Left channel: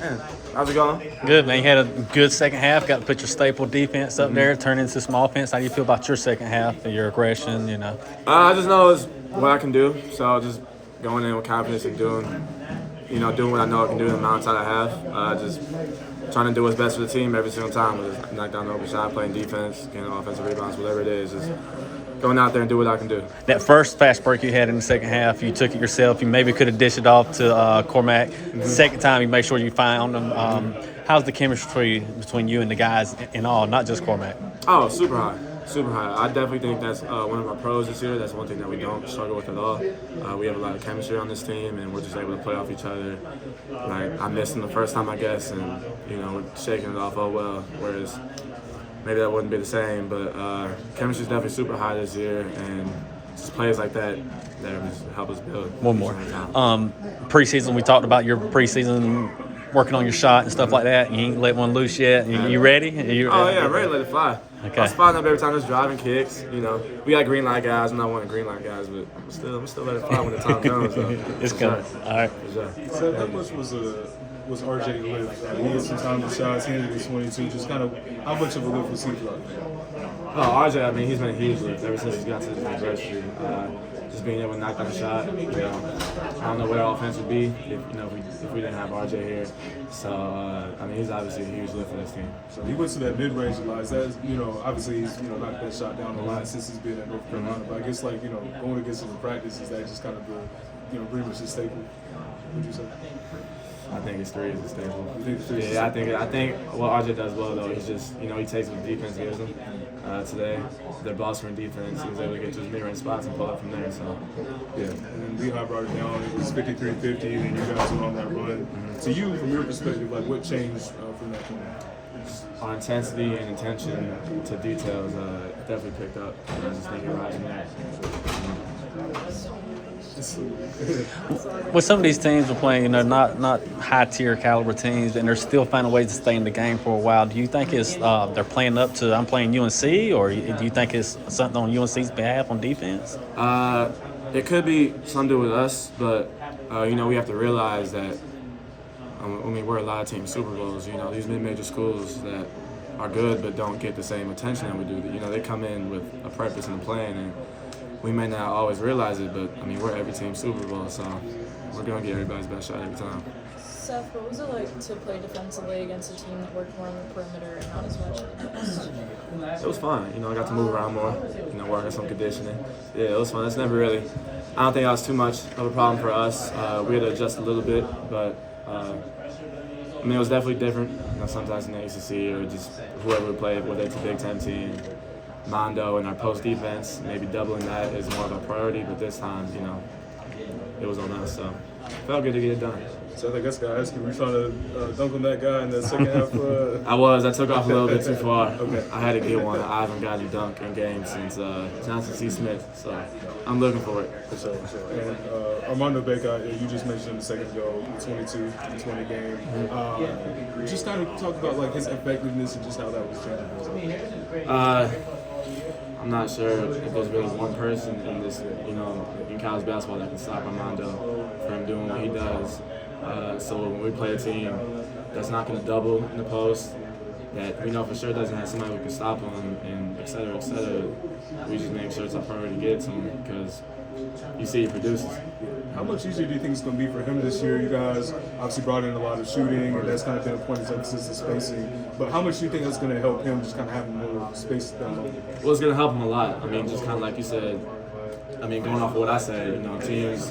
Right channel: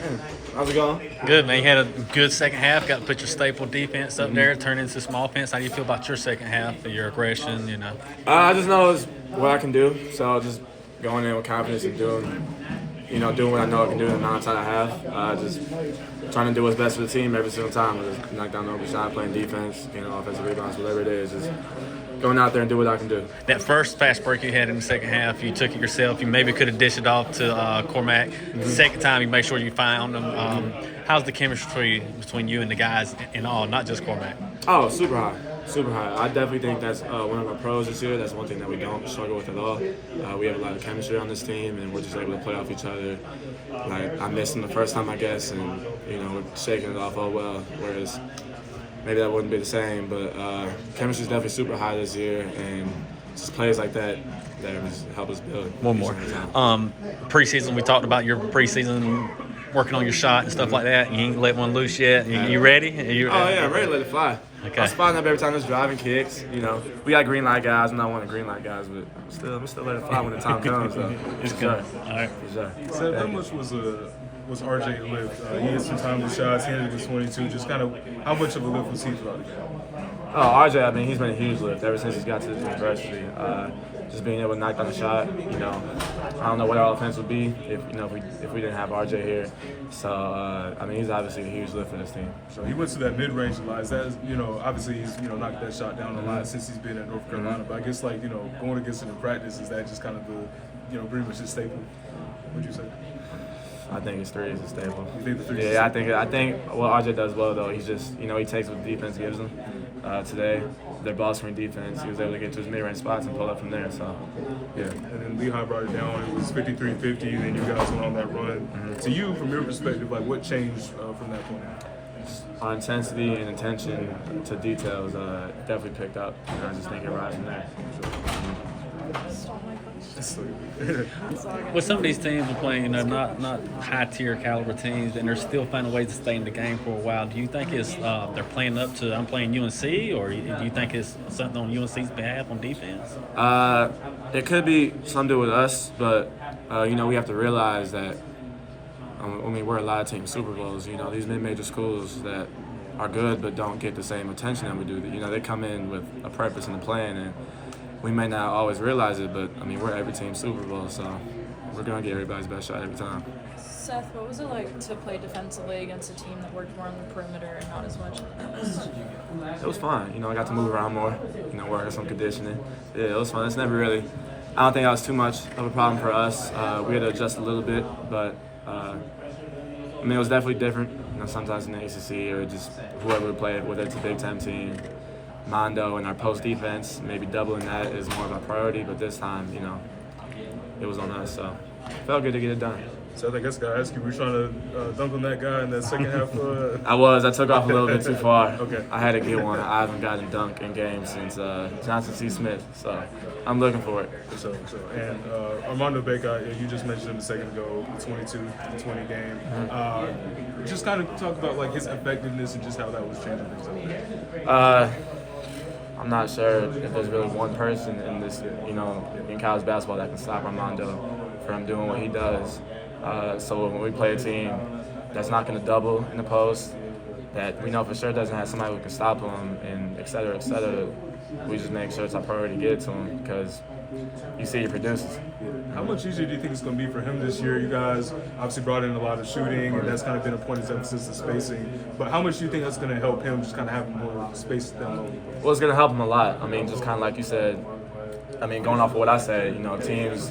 Man, how's it going? Good, man. You had a good second half. Got to put your staple defense up there, turn into some offense. How do you feel about your second half, your aggression, I just know it's what I can do, so just going in with confidence and doing what I know I can do in the amount of time I have. Just trying to do what's best for the team every single time. Whether it's knock down the open shot, playing defense, getting offensive rebounds, whatever it is. Just going out there and do what I can do. That first fast break you had in the second half, you took it yourself. You maybe could have dished it off to Cormac. Second time, you make sure you found them. How's the chemistry between you and the guys in all, not just Cormac? Oh, super high. Super high. I definitely think that's one of our pros this year. That's one thing that we don't struggle with at all. We have a lot of chemistry on this team, and we're just able to play off each other. Like, I missed him the first time, I guess, and, we're shaking it off, oh well, whereas maybe that wouldn't be the same. But chemistry is definitely super high this year, and just players like that just help us build. One more. Preseason, we talked about your preseason working on your shot and stuff like that. You ain't let one loose yet. You ready? I'm ready to let it fly. Okay. I'm spotting up every time there's driving kicks. We got green light guys. I'm not one of the green light guys, but I'm still let it fly when the time comes. Though. It's coming. All right. Seth, how much was RJ lift? He had some time to shots. He ended the 22. Just kind of how much of a lift was he for? Oh, RJ, I mean, he's been a huge lift ever since he's got to the university. Just being able to knock down a shot, I don't know what our offense would be if we didn't have RJ here. So, I mean, he's obviously a huge lift for this team. So he went to that mid-range line. That obviously he's knocked that shot down a lot since he's been at North Carolina. But I guess going against him in practice, is that just kind of the pretty much his staple? What'd you say? I think his three is a staple. Yeah, I think what RJ does well though, he's just he takes what the defense gives him. Today, their ball screen defense, he was able to get to his mid-range spots and pull up from there. So, yeah. And then Lehigh brought it down. It was 53-50, and you guys went on that run. To you, from your perspective, what changed from that point? Our intensity and attention to details definitely picked up. I just think it rises from there. With some of these teams we're playing, not high tier caliber teams, and they're still finding ways to stay in the game for a while. Do you think it's they're playing up to I'm playing UNC, or do you think it's something on UNC's behalf on defense? It could be something to do with us, but we have to realize that we're a lot of teams Super Bowls. These mid-major schools that are good but don't get the same attention that we do. They come in with a purpose and a plan, and we may not always realize it, but we're every team Super Bowl, so we're gonna get everybody's best shot every time. Seth, what was it like to play defensively against a team that worked more on the perimeter and not as much on the post? It was fun. I got to move around more. Work on some conditioning. Yeah, it was fun. It's never really. I don't think that was too much of a problem for us. We had to adjust a little bit, but it was definitely different. Sometimes in the ACC or just whoever we play, whether it's a Big Ten team. Armando and our post defense, maybe doubling that is more of a priority, but this time, it was on us, so it felt good to get it done. So I guess I ask you, were you trying to dunk on that guy in that second half? I took off a little bit too far. Okay. I had to get one. I haven't gotten a dunk in games since Johnson C. Smith, so I'm looking for it. Sure. And Armando Bacot, you just mentioned him a second ago, 22, 20 game. Just kind of talk about his effectiveness and just how that was changing. I'm not sure if there's really one person in this, in college basketball that can stop Armando from doing what he does. So when we play a team that's not going to double in the post, that we know for sure doesn't have somebody who can stop him, and et cetera, we just make sure it's our priority to get to him because you see he produces. How much easier do you think it's going to be for him this year? You guys obviously brought in a lot of shooting, and that's kind of been a point of emphasis, the spacing. But how much do you think that's going to help him just kind of have more space down? Well, it's going to help him a lot. Just kind of like you said, going off of what I said, teams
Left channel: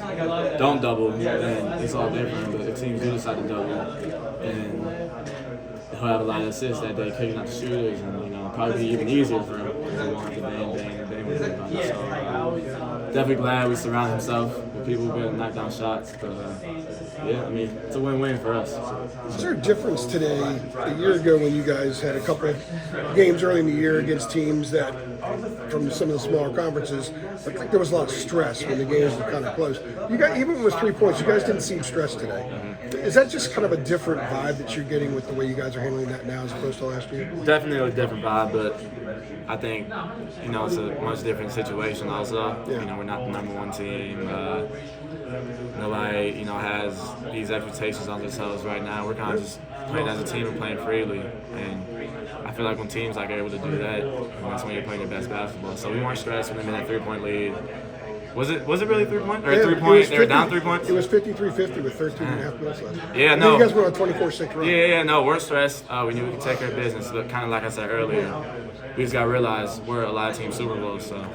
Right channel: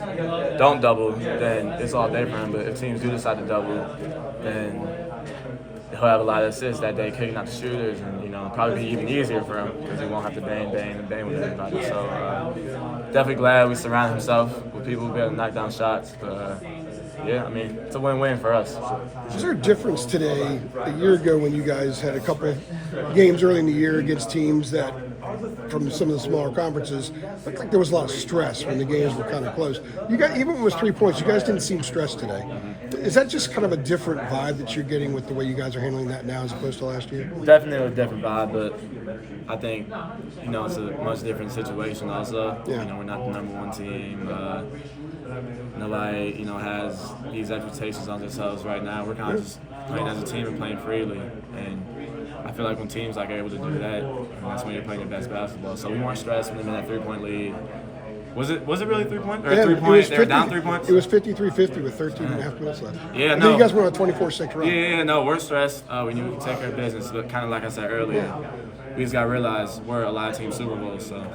don't double, then it's all day for him. But if teams do decide to double, then he'll have a lot of assists that day, kicking out the shooters, and probably be even easier for him because he won't have to bang with everybody. So definitely glad we surround himself with people who be able to knock down shots. But it's a win-win for us. Is there a difference today, a year ago when you guys had a couple of games early in the year against teams that, from some of the smaller conferences, I think there was a lot of stress when the games were kind of close. You guys, even when it was 3 points, you guys didn't seem stressed today. Is that just kind of a different vibe that you're getting with the way you guys are handling that now as opposed to last year? Definitely a different vibe, but I think, it's a much different situation also. We're not the number one team. Nobody, has these expectations on themselves right now. We're kind of just playing as a team and playing freely. And I feel like when teams are able to do that, that's when you're playing your best basketball. So we weren't stressed when they made that 3-point lead. Was it really 3-point? Or Yeah, 3-point? They were 50 down 3 points? It was 53-50 with 13 and a half minutes left. Yeah, Then no. you guys went on a 24-6 run. Yeah, no, we're stressed. We knew we could take care of business, but kind of like I said earlier, we just got to realize we're a lot of team Super Bowl, so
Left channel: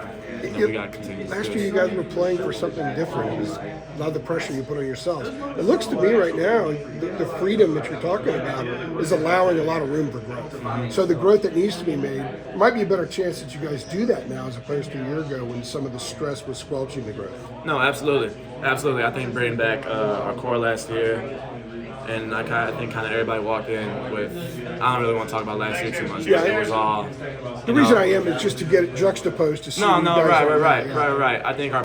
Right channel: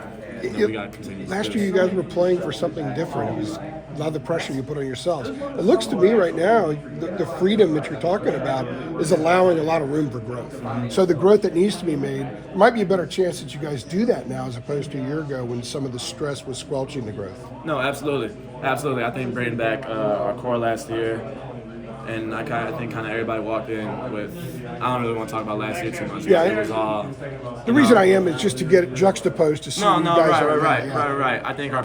we got to continue. Last year, you guys were playing for something different. It was a lot of the pressure you put on yourselves. It looks to me right now, the freedom that you're talking about is allowing a lot of room for growth. So the growth that needs to be made, might be a better chance that you guys do that now as opposed to a year ago when some of the stress was squelching the growth. No, absolutely. Absolutely. I think bringing back our core last year, and I think everybody walked in with, I don't really want to talk about last year too much, but it was all. The reason I am is just to get it juxtaposed to see. No, you guys right. I think our